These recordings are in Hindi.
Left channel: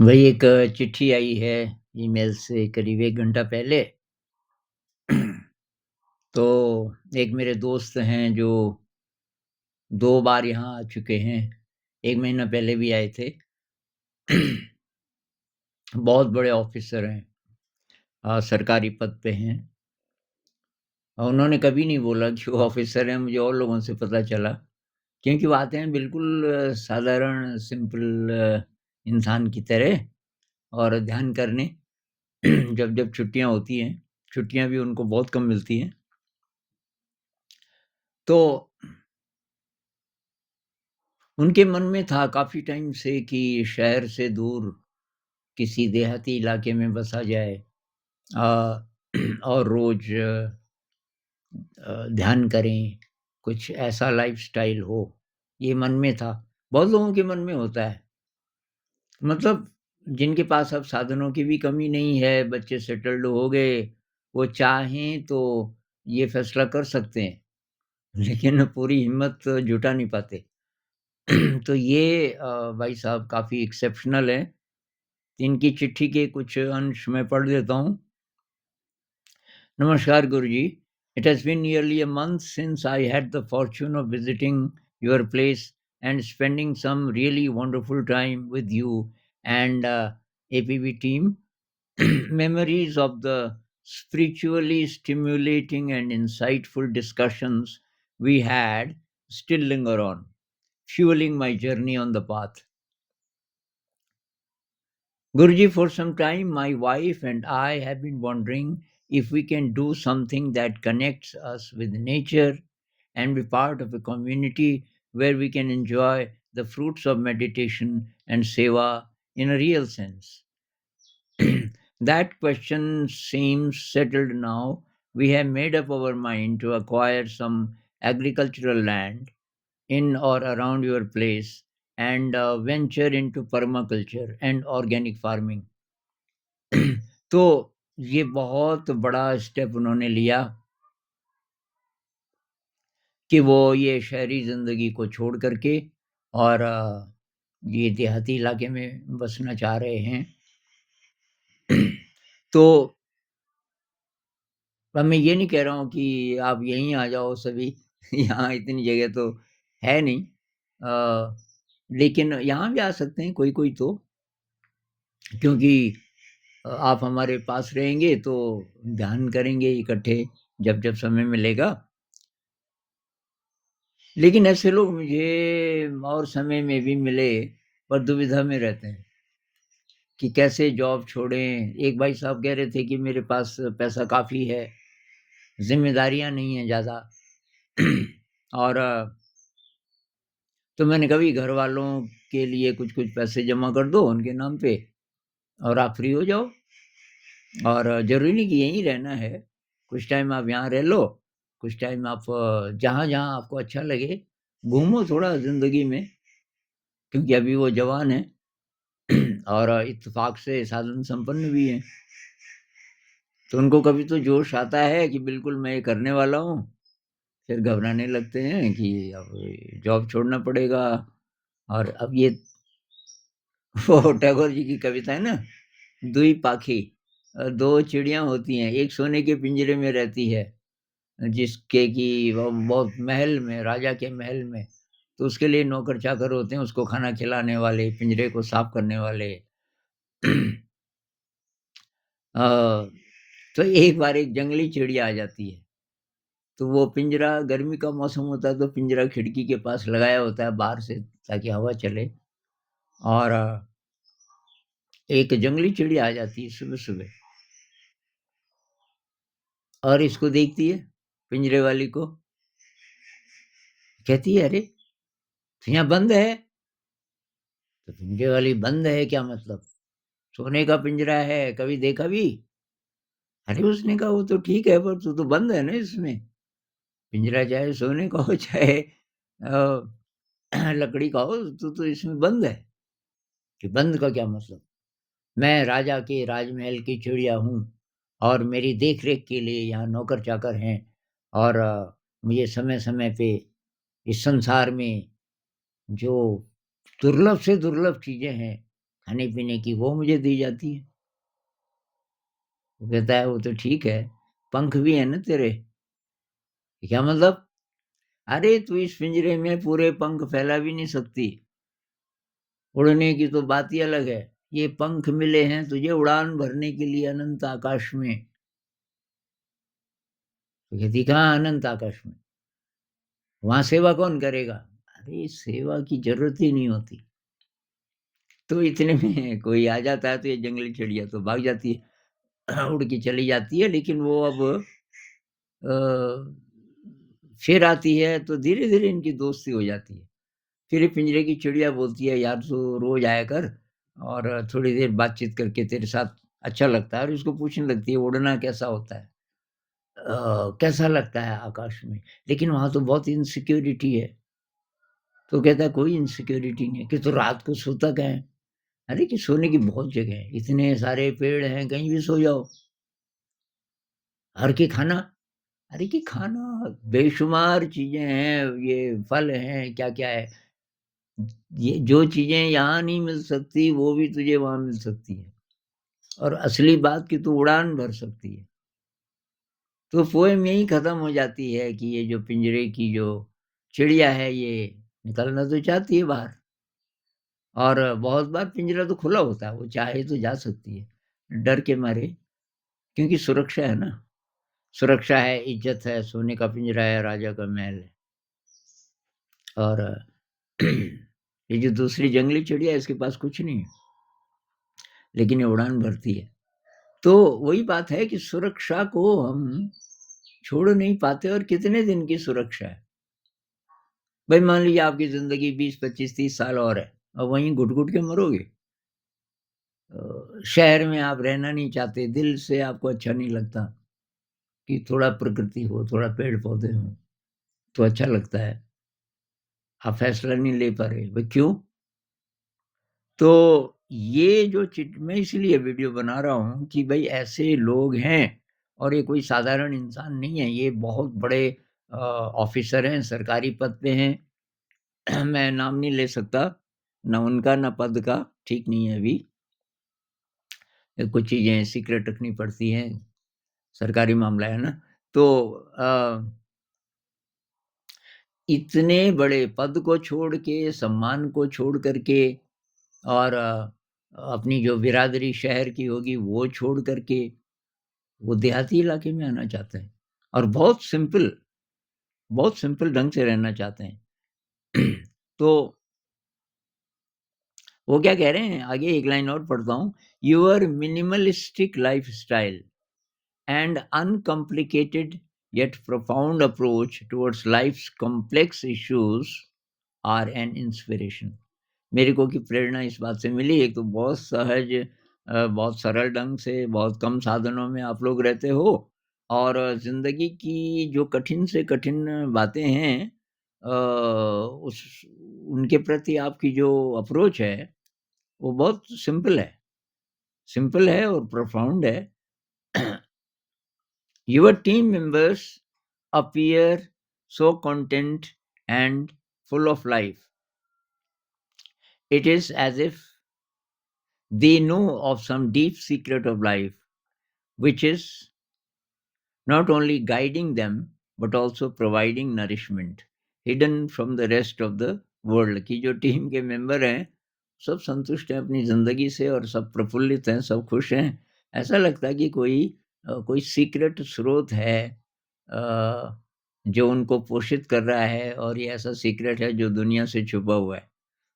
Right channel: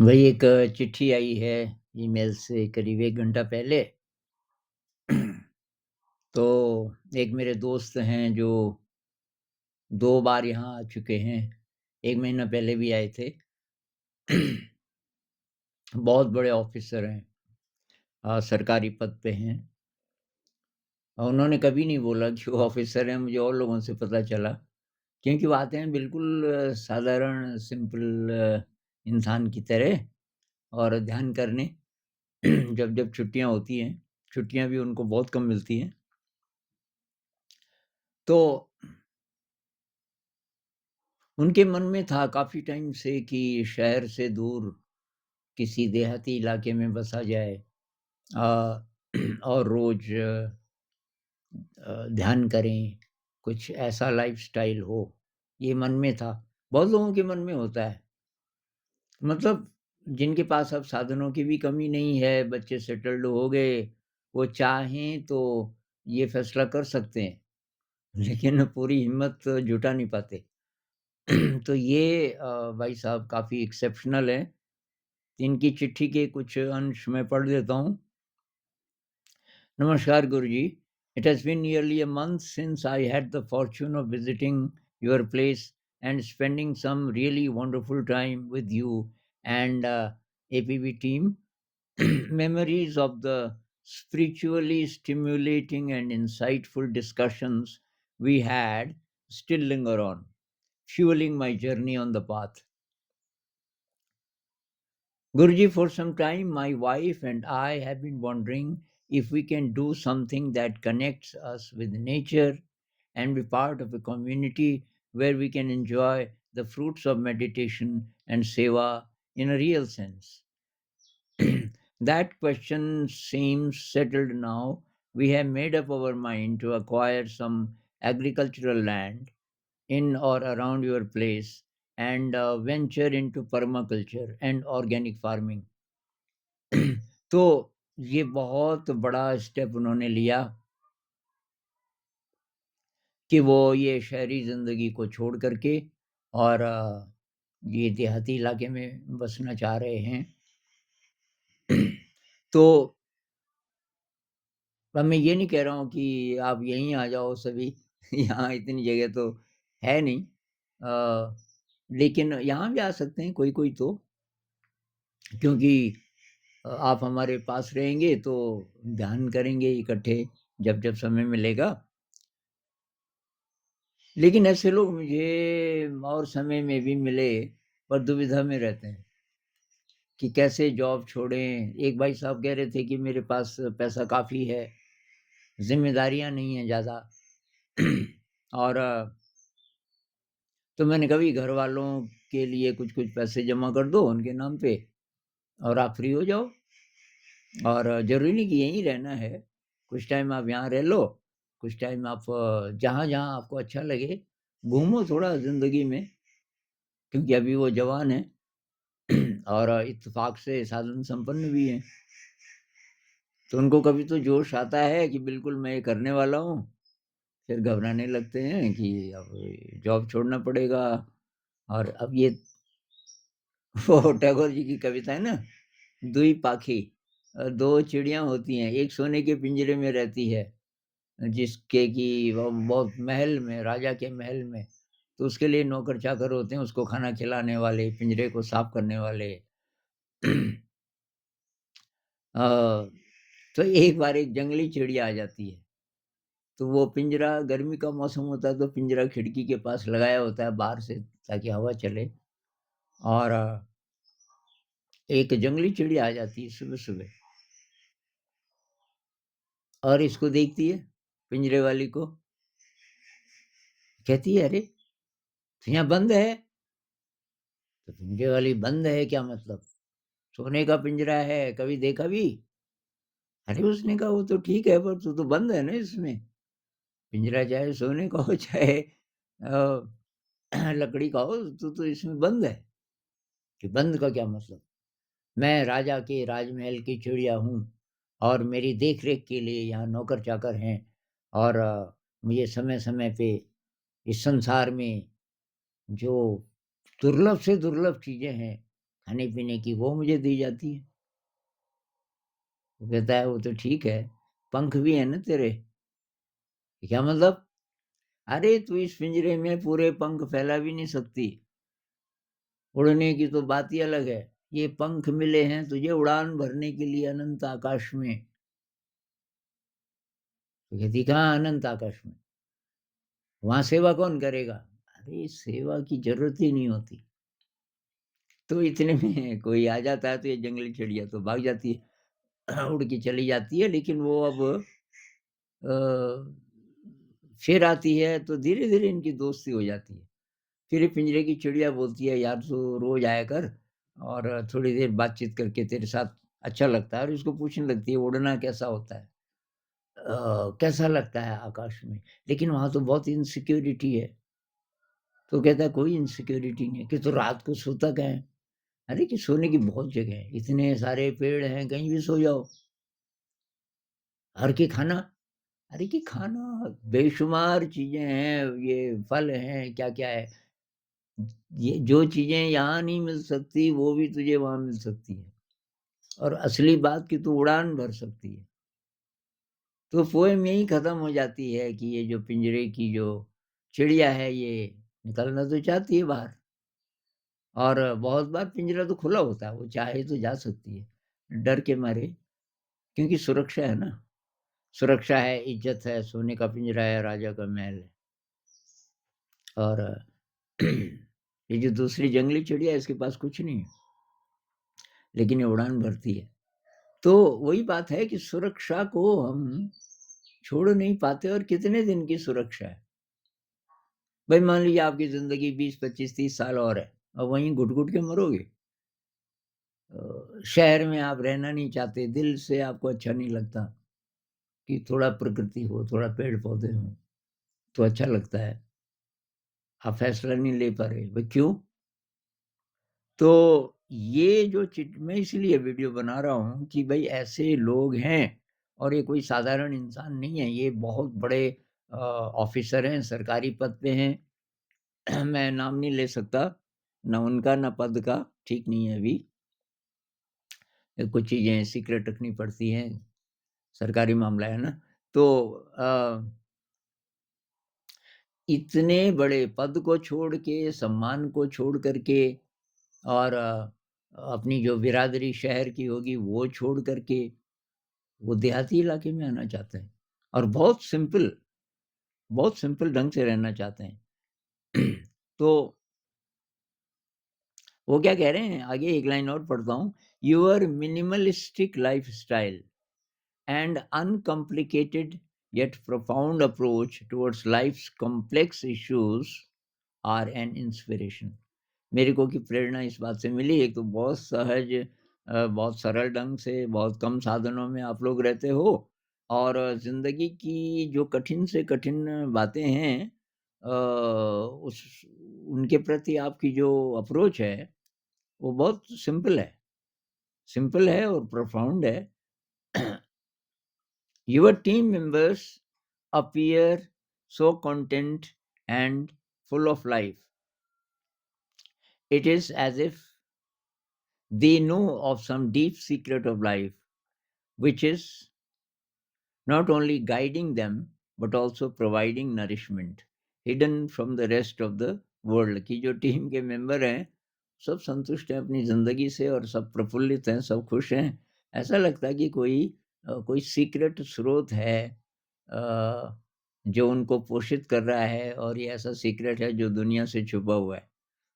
वही एक चिट्ठी आई है ईमेल से करीब 1 घंटा पहले। तो एक मेरे दोस्त हैं जो 2 बार यहाँ आ चुके हैं। 1 महीना पहले भी आए थे। बहुत बड़े ऑफ़िसर हैं, सरकारी पद पे हैं। और उन्होंने कभी नहीं बोला कि वो ऑफ़िसर हैं, मुझे और लोगों से पता चला। क्योंकि वो आते हैं बिल्कुल साधारण सिंपल इंसान की तरह और ध्यान करने। जब-जब छुट्टियाँ होती हैं, छुट्टियाँ भी उनको बहुत कम मिलती हैं। तो उनके मन में था काफ़ी टाइम से कि शहर से दूर किसी देहाती इलाके में बसा जाए, अ, और रोज़ ध्यान करें, कुछ ऐसा लाइफ़स्टाइल हो, ये मन में था। बहुत लोगों के मन में होता है। मतलब जिनके पास अब साधनों की भी कमी नहीं है, बच्चे सेटल्ड हो गए, वो चाहें तो ये फैसला कर सकते हैं, लेकिन पूरी हिम्मत जुटा नहीं पाते। तो ये भाई साहब काफ़ी एक्सेप्शनल हैं। इनकी चिट्ठी के कुछ अंश मैं पढ़ देता हूँ। नमस्कार गुरुजी, it has been nearly a month since I had the fortune of visiting your place and spending some really wonderful time with you and APB team. Memories of the spiritually stimulating and insightful discussions we had still linger on, fueling my journey on the path. Guruji, for some time, my wife and I have been wondering if we can do something that connects us with nature and be part of a community where we can enjoy the fruits of meditation and seva in a real sense. That question seems settled now. We have made up our mind to acquire some agricultural land in or around your place and venture into permaculture and organic farming. तो ये बहुत बड़ा स्टेप उन्होंने लिया कि वो ये शहरी ज़िंदगी को छोड़ कर के और ये देहाती इलाके में बसना चाह रहे हैं। तो अब मैं ये नहीं कह रहा हूँ कि आप यहीं आ जाओ सभी, यहाँ इतनी जगह तो है नहीं। लेकिन यहाँ भी आ सकते हैं कोई-कोई तो, क्योंकि आप हमारे पास रहेंगे तो ध्यान करेंगे इकट्ठे जब-जब समय मिलेगा। लेकिन ऐसे लोग मुझे और समय में भी मिले, पर दुविधा में रहते हैं कि कैसे जॉब छोड़ें। एक भाई साहब कह रहे थे कि मेरे पास पैसा काफ़ी है, ज़िम्मेदारियाँ नहीं हैं ज़्यादा। और तो मैंने कहा, भई घरवालों के लिए कुछ-कुछ पैसे जमा कर दो उनके नाम पे और आप फ्री हो जाओ। और ज़रूरी नहीं कि यहीं रहना है, कुछ टाइम आप यहाँ रह लो, कुछ टाइम आप जहाँ-जहाँ आपको अच्छा लगे, घूमो थोड़ा ज़िंदगी में, क्योंकि अभी वो जवान हैं। और इत्तेफ़ाक से साधन संपन्न भी हैं। तो उनको कभी तो जोश आता है कि बिल्कुल मैं ये करने वाला हूँ, फिर घबराने लगते हैं कि अब ये जॉब छोड़ना पड़ेगा। और अब ये वो टैगोर जी की कविता है ना, दुई पाखी, 2 चिड़िया होती हैं, एक सोने के पिंजरे में रहती है, जिसके कि वो बहुत महल में, राजा के महल में, तो उसके लिए नौकर-चाकर होते हैं, उसको खाना खिलाने वाले, पिंजरे को साफ करने वाले। अ, तो एक बार एक जंगली चिड़िया आ जाती है, तो वो पिंजरा, गर्मी का मौसम होता है तो पिंजरा खिड़की के पास लगाया होता है बाहर से, ताकि हवा चले। और एक जंगली चिड़िया आ जाती है सुबह-सुबह और इसको देखती है, पिंजरे वाली को, कहती है, "अरे! तो यहाँ बंद है।" तो पिंजरे वाली, "बंद है क्या मतलब? सोने का पिंजरा है, कभी देखा भी?" अरे! उसने कहा, "वो तो ठीक है, पर तू तो बंद है ना इसमें। पिंजरा चाहे सोने का हो, चाहे लकड़ी का हो, तू तो इसमें बंद है।" कि बंद का क्या मतलब? मैं राजा के राजमहल की चिड़िया हूँ और मेरी देख-रेख के लिए यहाँ नौकर-चाकर हैं और मुझे समय-समय पे इस संसार में जो दुर्लभ से दुर्लभ चीज़ें हैं, खाने-पीने की वो मुझे दी जाती है। वो कहता है वो तो ठीक है, पंख भी है ना तेरे? क्या मतलब? अरे तू इस पिंजरे में पूरे पंख फैला भी नहीं सकती, उड़ने की तो बात ही अलग है। ये पंख मिले हैं तुझे उड़ान भरने के लिए अनंत आकाश में। तो कहती कहाँ अनंत आकाश में? वहाँ सेवा कौन करेगा? अरे सेवा की ज़रूरत ही नहीं होती। तो इतने में कोई आ जाता है तो ये जंगली चिड़िया तो भाग जाती है, उड़ के चली जाती है लेकिन वो अब अ, फिर आती है तो धीरे-धीरे इनकी दोस्ती हो जाती है। फिर ये पिंजरे की चिड़िया बोलती है, "यार तू रोज़ आया कर और थोड़ी देर बातचीत करके तेरे साथ अच्छा लगता है" और उसको पूछने लगती है, "उड़ना कैसा होता है? कैसा लगता है आकाश में? लेकिन वहाँ तो बहुत इनसिक्योरिटी है।" तो कहता है, "कोई इनसिक्योरिटी नहीं है कि तू रात को सोता कहाँ है?" अरे! कि सोने की बहुत जगह है, इतने सारे पेड़ हैं, कहीं भी सो जाओ। और कि खाना? अरे! कि खाना बेशुमार चीज़ें हैं, ये फल हैं, क्या-क्या है। ये जो चीज़ें यहाँ नहीं मिल सकती, वो भी तुझे वहाँ मिल सकती है। और असली बात कि तू उड़ान भर सकती है। तो पोएम यहीं ख़त्म हो जाती है कि ये जो पिंजरे की जो चिड़िया है, ये निकलना तो चाहती है बाहर और बहुत बार पिंजरा तो खुला होता है, वो चाहे तो जा सकती है, डर के मारे क्योंकि सुरक्षा है ना। सुरक्षा है, इज़्ज़त है, सोने का पिंजरा है, राजा का महल है और ये जो दूसरी जंगली चिड़िया है, इसके पास कुछ नहीं है, लेकिन ये उड़ान भरती है। तो वही बात है कि सुरक्षा को हम छोड़ नहीं पाते और कितने दिन की सुरक्षा है। भाई मान लीजिए आपकी ज़िंदगी 20, 25, 30 साल और है और वहीं घुट-घुट के मरोगे। शहर में आप रहना नहीं चाहते, दिल से आपको अच्छा नहीं लगता कि थोड़ा प्रकृति हो, थोड़ा पेड़-पौधे हों, तो अच्छा लगता है। आप फैसला नहीं ले पा रहे, भाई क्यों? तो ये जो चिट मैं इसलिए वीडियो बना रहा हूँ कि भई ऐसे लोग हैं और ये कोई साधारण इंसान नहीं है, ये बहुत बड़े ऑफ़िसर हैं, सरकारी पद पे हैं। मैं नाम नहीं ले सकता, ना उनका ना पद का, ठीक नहीं है अभी। कुछ चीज़ें सीक्रेट रखनी पड़ती हैं, सरकारी मामला है ना। तो अ, इतने बड़े पद को छोड़ के, सम्मान को छोड़ कर के और अपनी जो बिरादरी शहर की होगी वो छोड़ कर के वो देहाती इलाके में आना चाहते हैं और बहुत सिंपल ढंग से रहना चाहते हैं। तो वो क्या कह रहे हैं आगे एक लाइन और पढ़ता हूँ, your minimalistic lifestyle and uncomplicated yet profound approach towards life's complex issues are an inspiration. मेरे को की प्रेरणा इस बात से मिली एक तो बहुत सहज बहुत सरल ढंग से बहुत कम साधनों में आप लोग रहते हो और ज़िंदगी की जो कठिन से कठिन बातें हैं उस उनके प्रति आपकी जो अप्रोच है वो बहुत सिंपल है और प्रोफाउंड है। Your team members appear so content and full of life. It is as if they know of some deep secret of life, which is not only guiding them but also providing nourishment hidden from the rest of the world की जो टीम के मेंबर हैं सब संतुष्ट हैं अपनी ज़िंदगी से और सब प्रफुल्लित हैं, सब खुश हैं। ऐसा लगता है कि कोई सीक्रेट स्रोत है जो उनको पोषित कर रहा है और ये ऐसा सीक्रेट है जो दुनिया से छुपा हुआ है।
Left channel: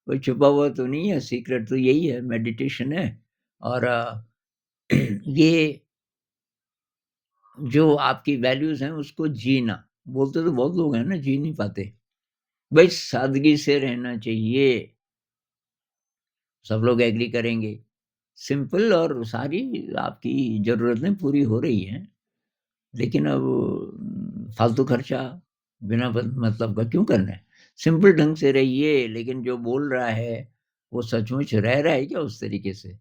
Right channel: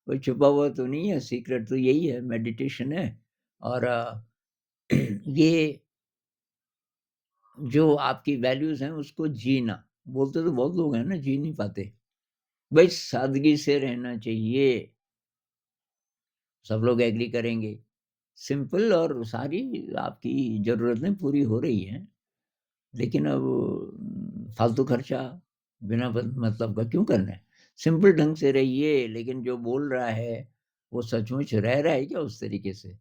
कोई छुपा हुआ तो नहीं है, सीक्रेट तो यही है, मेडिटेशन है और ये जो आपकी वैल्यूज़ हैं उसको जीना। बोलते तो बहुत लोग हैं ना, जी नहीं पाते। भई सादगी से रहना चाहिए, सब लोग एग्री करेंगे। सिंपल और सारी आपकी ज़रूरतें पूरी हो रही हैं, लेकिन अब फालतू खर्चा बिना मतलब का क्यों करना है? सिंपल ढंग से रहिए, लेकिन जो बोल रहा है, वो सचमुच रह रहा है क्या उस तरीके से?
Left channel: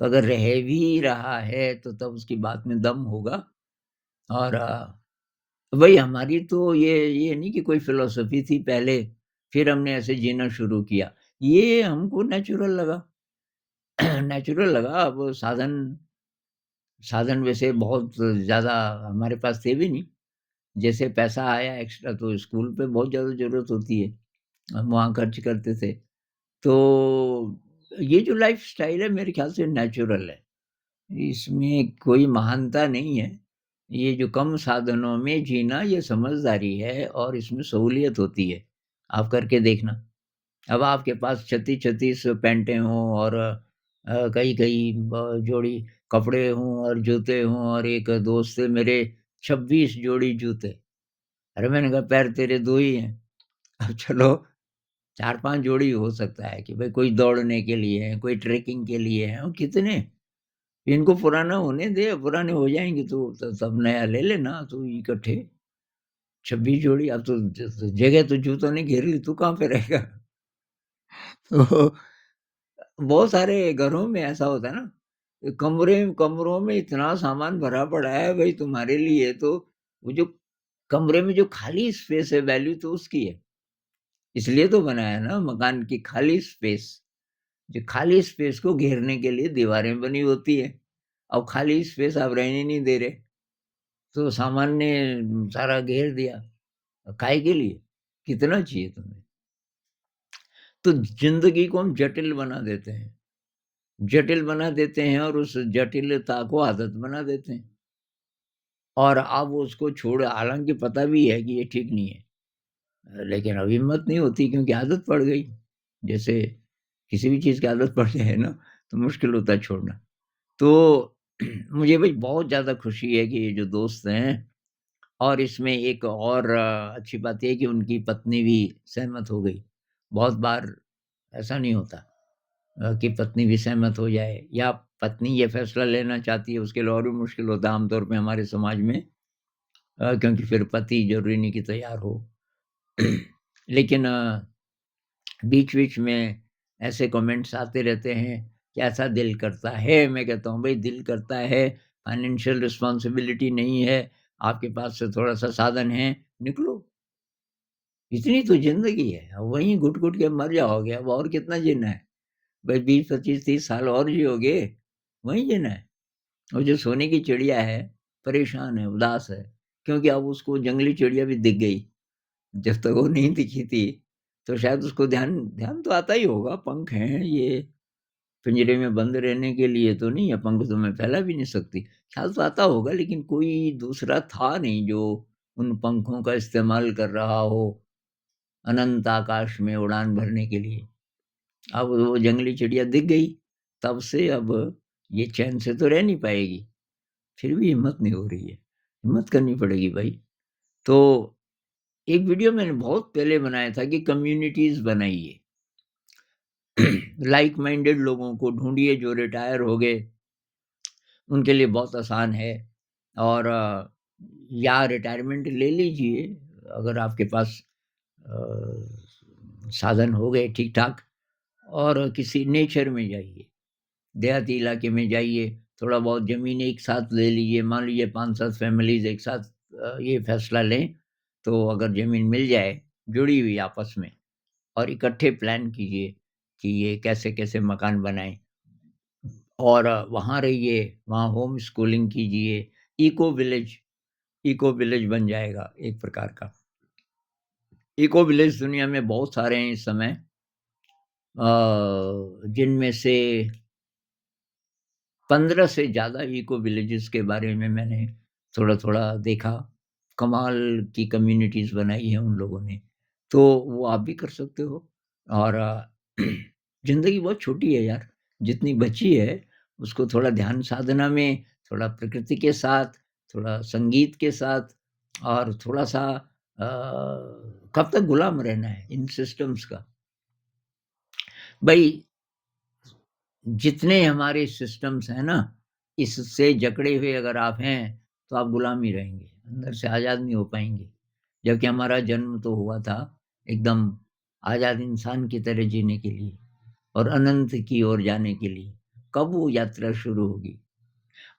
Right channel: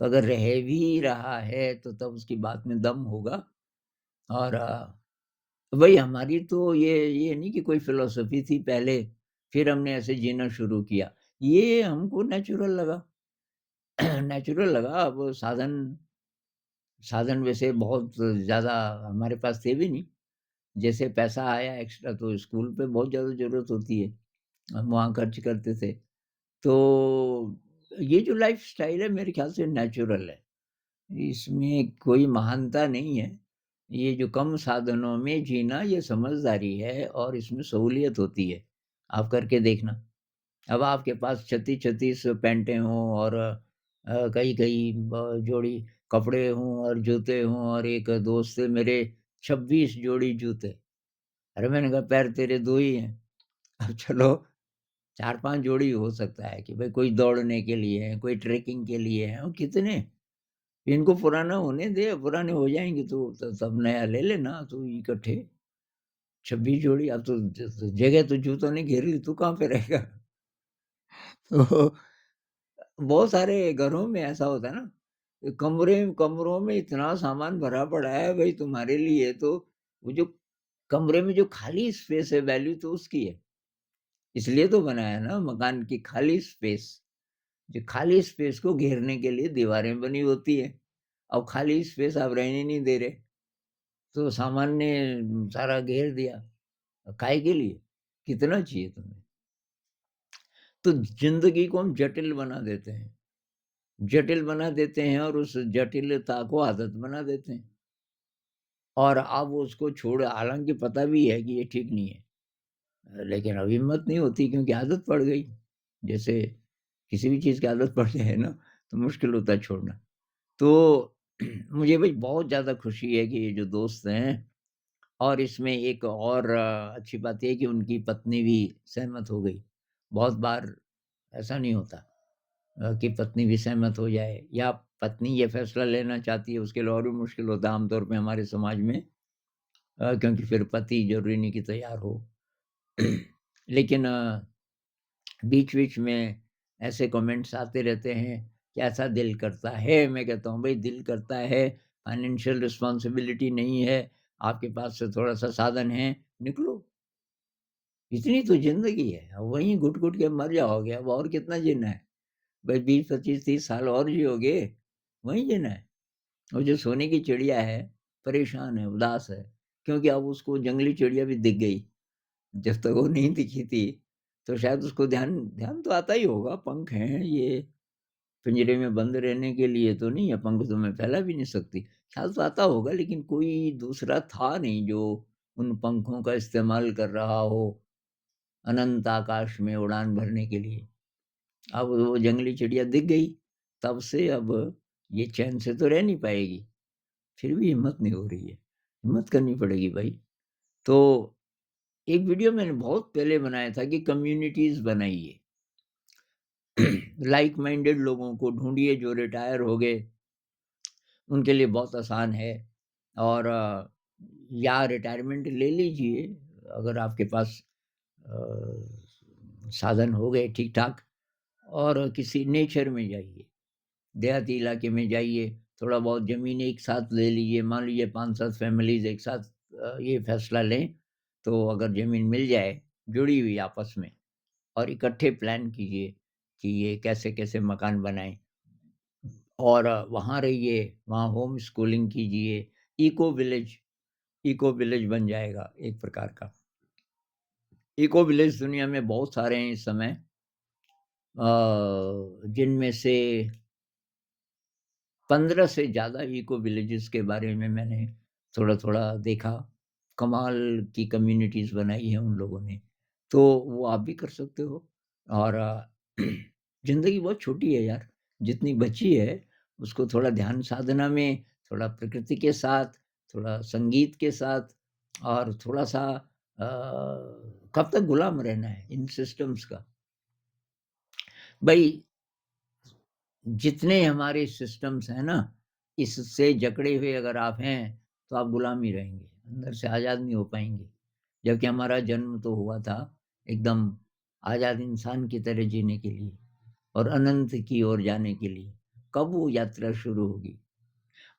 तो अगर रह भी रहा है, तो तब उसकी बात में दम होगा और वही हमारी तो ये नहीं कि कोई फ़िलॉसफ़ी थी पहले, फिर हमने ऐसे जीना शुरू किया। ये हमको नेचुरल लगा। नेचुरल लगा। अब साधन साधन वैसे बहुत ज़्यादा हमारे पास थे भी नहीं। जैसे पैसा आया एक्स्ट्रा तो स्कूल पे बहुत ज़्यादा ज़रूरत होती है, हम वहाँ खर्च करते थे। तो ये जो लाइफ़स्टाइल है मेरे ख़्याल से नेचुरल है, इसमें कोई महानता नहीं है। ये जो कम साधनों में जीना ये समझदारी है और इसमें सहूलियत होती है, आप करके देखना। अब आपके पास 36-36 पैंटें हों और कई-कई ब जोड़ी कपड़े हों और जूते हों और एक दोस्त से मेरे 26 जोड़ी जूते। अरे मैंने कहा पैर तेरे 2 ही हैं, अब चलो 4-5 जोड़ी हो सकता है कि भाई कोई दौड़ने के लिए है, कोई ट्रेकिंग के लिए है और कितने? इनको पुराना होने दे, पुराने हो जाएँगे तो तब नया ले लेना तू इकट्ठे 26 जोड़ी अब तो जगह तो जूतों ने घेर ली, तू कहाँ पे रहेगा? तो बहुत सारे घरों में ऐसा होता है ना, कमरों में इतना सामान भरा पड़ा है भई तुम्हारे लिए तो वो जो कमरे में जो खाली स्पेस है वैल्यू तो उसकी है। इसलिए तो बनाया है ना मकान की खाली स्पेस। जो खाली स्पेस को घेरने के लिए दीवारें बनी होती है। अब खाली स्पेस आप रहने नहीं दे रहे, तो सामान ने सारा घेर दिया। काहे के लिए? कितना चाहिए तुम्हें? तो ज़िंदगी को हम जटिल बना देते हैं। जटिल बना देते हैं और उस जटिलता को आदत बना देते हैं। और अब उसको छोड़ हालाँकि पता भी है कि ये ठीक नहीं है। लेकिन अब हिम्मत नहीं होती क्योंकि आदत पड़ गई। जैसे किसी भी चीज़ की आदत पड़ जाए ना, तो मुश्किल होता है छोड़ना। तो मुझे भई बहुत ज़्यादा खुशी है कि ये जो दोस्त हैं और इसमें एक और अच्छी बात ये है कि उनकी पत्नी भी सहमत हो गई। बहुत बार ऐसा नहीं होता कि पत्नी भी सहमत हो जाए या पत्नी ये फैसला लेना चाहती है, उसके लिए और भी मुश्किल होता है आमतौर पे हमारे समाज में क्योंकि फिर पति ज़रूरी नहीं कि तैयार हो। लेकिन बीच-बीच में ऐसे कमेंट्स आते रहते हैं कि ऐसा दिल करता है, मैं कहता हूँ भई दिल करता है, फाइनेंशियल रिस्पॉन्सिबिलिटी नहीं है, आपके पास से थोड़ा-सा साधन है, निकलो। इतनी तो ज़िंदगी है, अब वहीं घुट-घुट के मर जाओगे, अब और कितना जीना है? भई 20, 25, 30 साल और जियोगे, वहीं जीना है। और जो सोने की चिड़िया है, परेशान है, उदास है, क्योंकि अब उसको जंगली चिड़िया भी दिख गई। जब तक वो नहीं दिखी थी, तो शायद उसको ध्यान ध्यान तो आता ही होगा, पंख हैं ये, पिंजरे में बंद रहने के लिए तो नहीं है, पंख तो मैं फैला भी नहीं सकती। ख्याल तो आता होगा लेकिन कोई दूसरा था नहीं जो उन पंखों का इस्तेमाल कर रहा हो, अनंत आकाश में उड़ान भरने के लिए। अब वो जंगली चिड़िया दिख गई, तब से अब ये चैन से तो रह नहीं पाएगी, फिर भी हिम्मत नहीं हो रही है। हिम्मत करनी पड़ेगी भाई। तो एक वीडियो मैंने बहुत पहले बनाया था कि कम्युनिटीज़ बनाइए। लाइक माइंडेड लोगों को ढूँढिए जो रिटायर हो गए, उनके लिए बहुत आसान है और या रिटायरमेंट ले लीजिए अगर आपके पास साधन हो गए ठीक-ठाक और किसी नेचर में जाइए, देहाती इलाके में जाइए, थोड़ा बहुत ज़मीन एक साथ ले लीजिए, मान लीजिए 5-7 फैमिलीज़ एक साथ ये फैसला लें, तो अगर ज़मीन मिल जाए, जुड़ी हुई आपस में और इकट्ठे प्लान कीजिए कि ये कैसे-कैसे मकान बनाएँ और वहाँ रहिए, वहाँ होम स्कूलिंग कीजिए, इको विलेज बन जाएगा एक प्रकार का। इको विलेज दुनिया में बहुत सारे हैं इस समय जिनमें से 15 से ज़्यादा इको विलेजेस के बारे में मैंने थोड़ा-थोड़ा देखा। कमाल की कम्युनिटीज़ बनाई हैं उन लोगों ने। तो वो आप भी कर सकते हो और ज़िंदगी बहुत छोटी है यार, जितनी बची है उसको थोड़ा ध्यान साधना में, थोड़ा प्रकृति के साथ, थोड़ा संगीत के साथ और थोड़ा-सा कब तक गुलाम रहना है इन सिस्टम्स का? भई जितने हमारे सिस्टम्स हैं ना, इससे जकड़े हुए अगर आप हैं, तो आप गुलाम ही रहेंगे, अंदर से आज़ाद नहीं हो पाएँगे। जबकि हमारा जन्म तो हुआ था एकदम आज़ाद इंसान की तरह जीने के लिए और अनंत की ओर जाने के लिए। कब वो यात्रा शुरू होगी?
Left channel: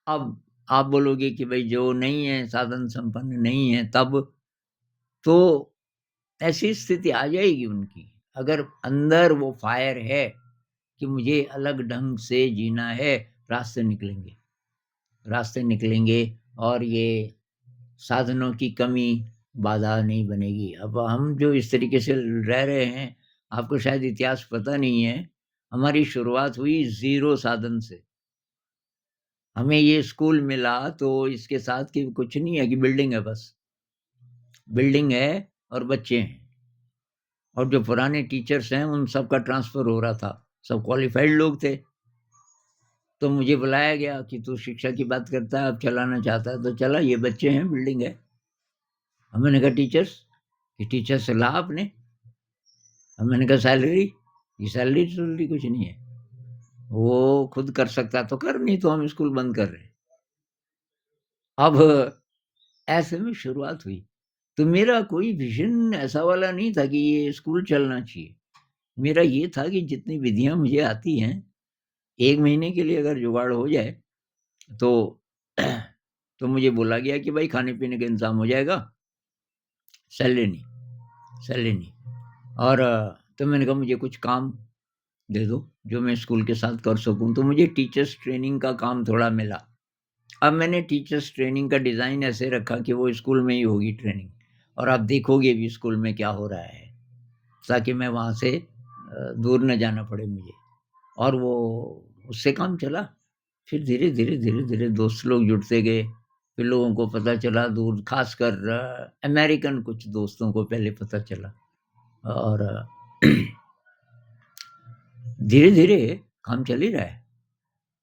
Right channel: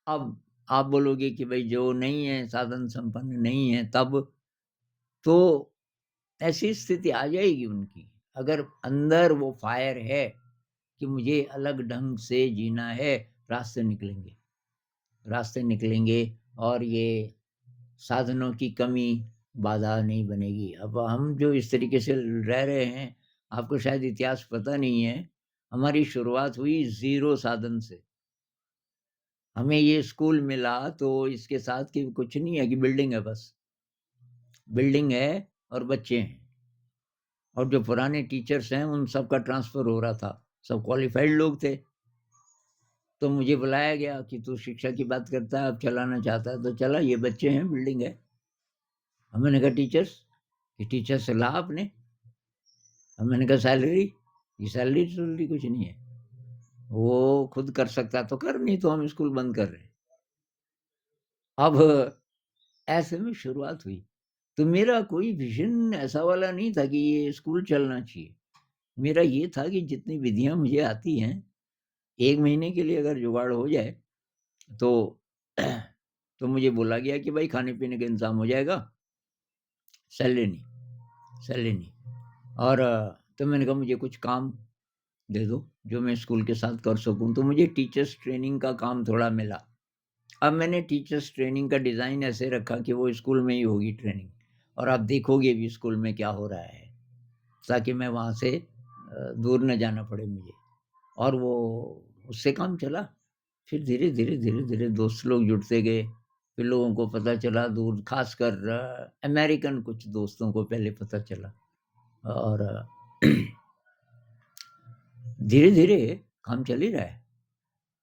अब आप बोलोगे कि भई जो नहीं है, साधन संपन्न नहीं है तब? तो ऐसी स्थिति आ जाएगी उनकी। अगर अंदर वो फायर है कि मुझे अलग ढंग से जीना है, रास्ते निकलेंगे। रास्ते निकलेंगे और ये साधनों की कमी बाधा नहीं बनेगी। अब हम जो इस तरीके से रह रहे हैं, आपको शायद इतिहास पता नहीं है, हमारी शुरुआत हुई ज़ीरो साधन से। हमें ये स्कूल मिला तो इसके साथ कि कुछ नहीं है कि बिल्डिंग है बस। बिल्डिंग है और बच्चे हैं और जो पुराने टीचर्स हैं उन सब का ट्रांसफ़र हो रहा था। सब क्वालिफ़ाइड लोग थे। तो मुझे बुलाया गया कि तू शिक्षा की बात करता है, अब चलाना चाहता है तो चला, ये बच्चे हैं, बिल्डिंग है। अब मैंने कहा टीचर्स? कि टीचर से ला आपने। अब मैंने कहा सैलरी? ये सैलरी-सुलरी कुछ नहीं है। वो खुद कर सकता तो कर, नहीं तो हम स्कूल बंद कर रहे हैं। अब ऐसे में शुरुआत हुई। तो मेरा कोई विज़न ऐसा वाला नहीं था कि ये स्कूल चलना चाहिए। मेरा ये था कि जितनी विधियाँ मुझे आती हैं, 1 महीने के लिए अगर जुगाड़ हो जाए तो तो मुझे बोला गया कि भाई खाने-पीने का इंतज़ाम हो जाएगा, सैलरी नहीं, सैलरी नहीं। और तो मैंने कहा मुझे कुछ काम दे दो, जो मैं स्कूल के साथ कर सकूँ। तो मुझे टीचर्स ट्रेनिंग का काम थोड़ा मिला। अब मैंने टीचर्स ट्रेनिंग का डिज़ाइन ऐसे रखा कि वो स्कूल में ही होगी ट्रेनिंग और आप देखोगे भी स्कूल में क्या हो रहा है, ताकि मैं वहाँ से दूर न जाना पड़े मुझे। और वो उससे काम चला। फिर धीरे-धीरे, धीरे-धीरे दोस्त लोग जुड़ते गए। फिर लोगों को पता चला दूर ख़ासकर अमेरिकन कुछ दोस्तों को पहले पता चला और धीरे-धीरे काम चल ही रहा है।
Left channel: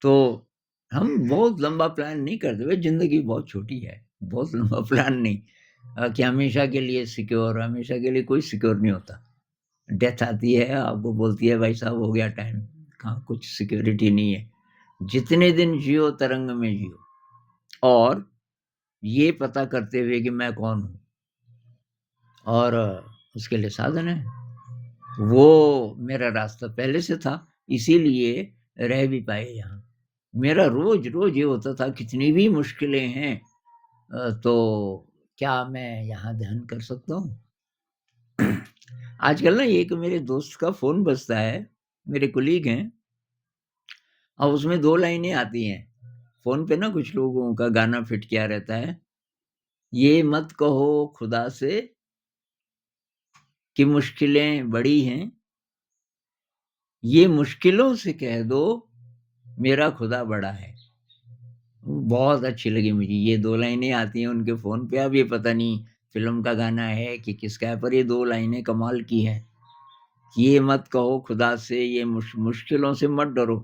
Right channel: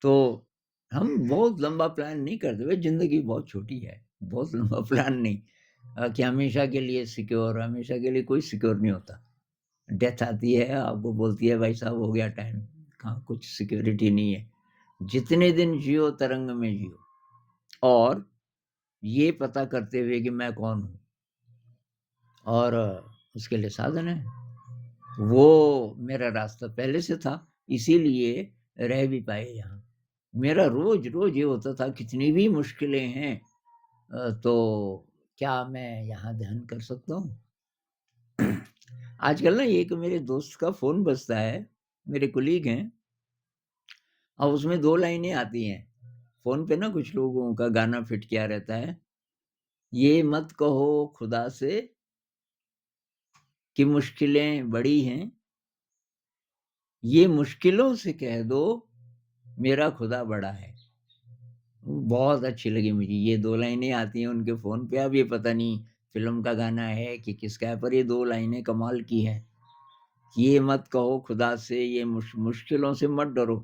तो हम बहुत लंबा प्लान नहीं करते भाई, ज़िंदगी बहुत छोटी है। बहुत लंबा प्लान नहीं कि हमेशा के लिए सिक्योर, हमेशा के लिए कोई सिक्योर नहीं होता। डेथ आती है, आपको बोलती है भाई साहब हो गया टाइम, हाँ, कुछ सिक्योरिटी नहीं है। जितने दिन जियो तरंग में जियो और ये पता करते हुए कि मैं कौन हूँ और उसके लिए साधन है। वो मेरा रास्ता पहले से था, इसीलिए रह भी पाए यहाँ। मेरा रोज़-रोज़ ये होता था कितनी भी मुश्किलें हैं तो क्या मैं यहाँ ध्यान कर सकता हूँ? आजकल ना एक मेरे दोस्त का फ़ोन बजता है, मेरे कोलीग हैं, अब उसमें 2 लाइनें आती हैं। फ़ोन पे ना कुछ लोगों का गाना फिट किया रहता है, ये मत कहो खुदा से कि मुश्किलें बड़ी हैं, ये मुश्किलों से कह दो मेरा खुदा बड़ा है। बहुत अच्छी लगी मुझे, ये 2 लाइनें आती हैं उनके फ़ोन पे, अब ये पता नहीं फ़िल्म का गाना है कि किसका है, पर ये 2 लाइनें कमाल की हैं। ये मत कहो खुदा से ये मुश्किलों से मत डरो।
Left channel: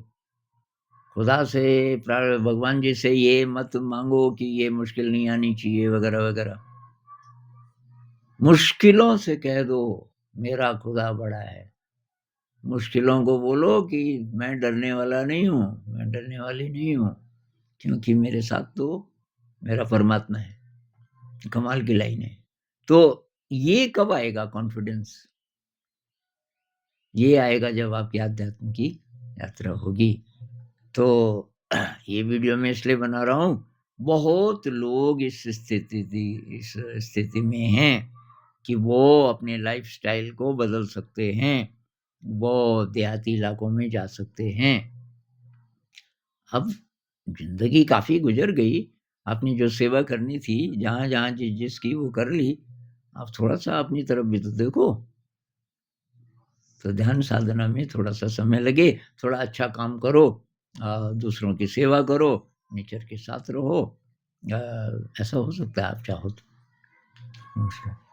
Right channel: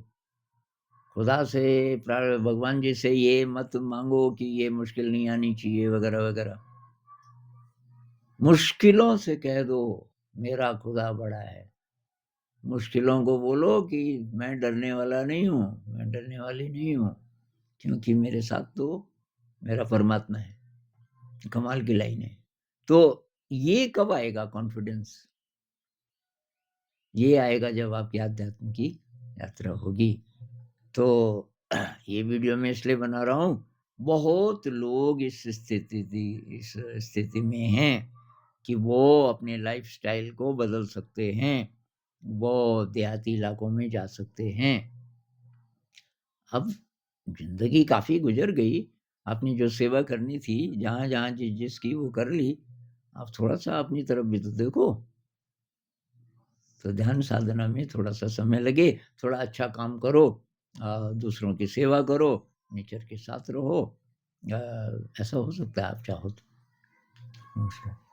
खुदा से भगवान जी से ये मत माँगो कि ये मुश्किल नहीं आनी चाहिए वग़ैरह-वग़ैरह। मुश्किलों से कह दो मेरा खुदा बड़ा है। मुश्किलों को बोलो कि मैं डरने वाला नहीं हूँ, मैं डरने वाली नहीं हूँ, क्योंकि मेरे साथ तो मेरा परमात्मा है। कमाल की लाइन है। तो ये कब आएगा कॉन्फिडेंस? ये आएगा जब आपकी आध्यात्म की यात्रा होगी। तो ये वीडियो मैं इसलिए बना रहा हूँ, बहुत लोग इस स्थिति में हैं कि वो अपने लाइफ़स्टाइल को बदल सकते हैं। वो देहाती इलाकों में जा सकते हैं। अब ज़िंदगी काफ़ी गुज़र गई, आपने जो सेवा करनी थी, जहाँ-जहाँ जिसकी वो कर ली, अब थोड़ा-सा अपनी तरफ भी तो देखो। तो ध्यान साधना में थोड़ा-सा समय लगे, थोड़ा अच्छा काम करो, दूसरों की सेवा करो, नेचर के साथ रहो। ऐसा हो सकता है आप चाहो तो। नमस्कार।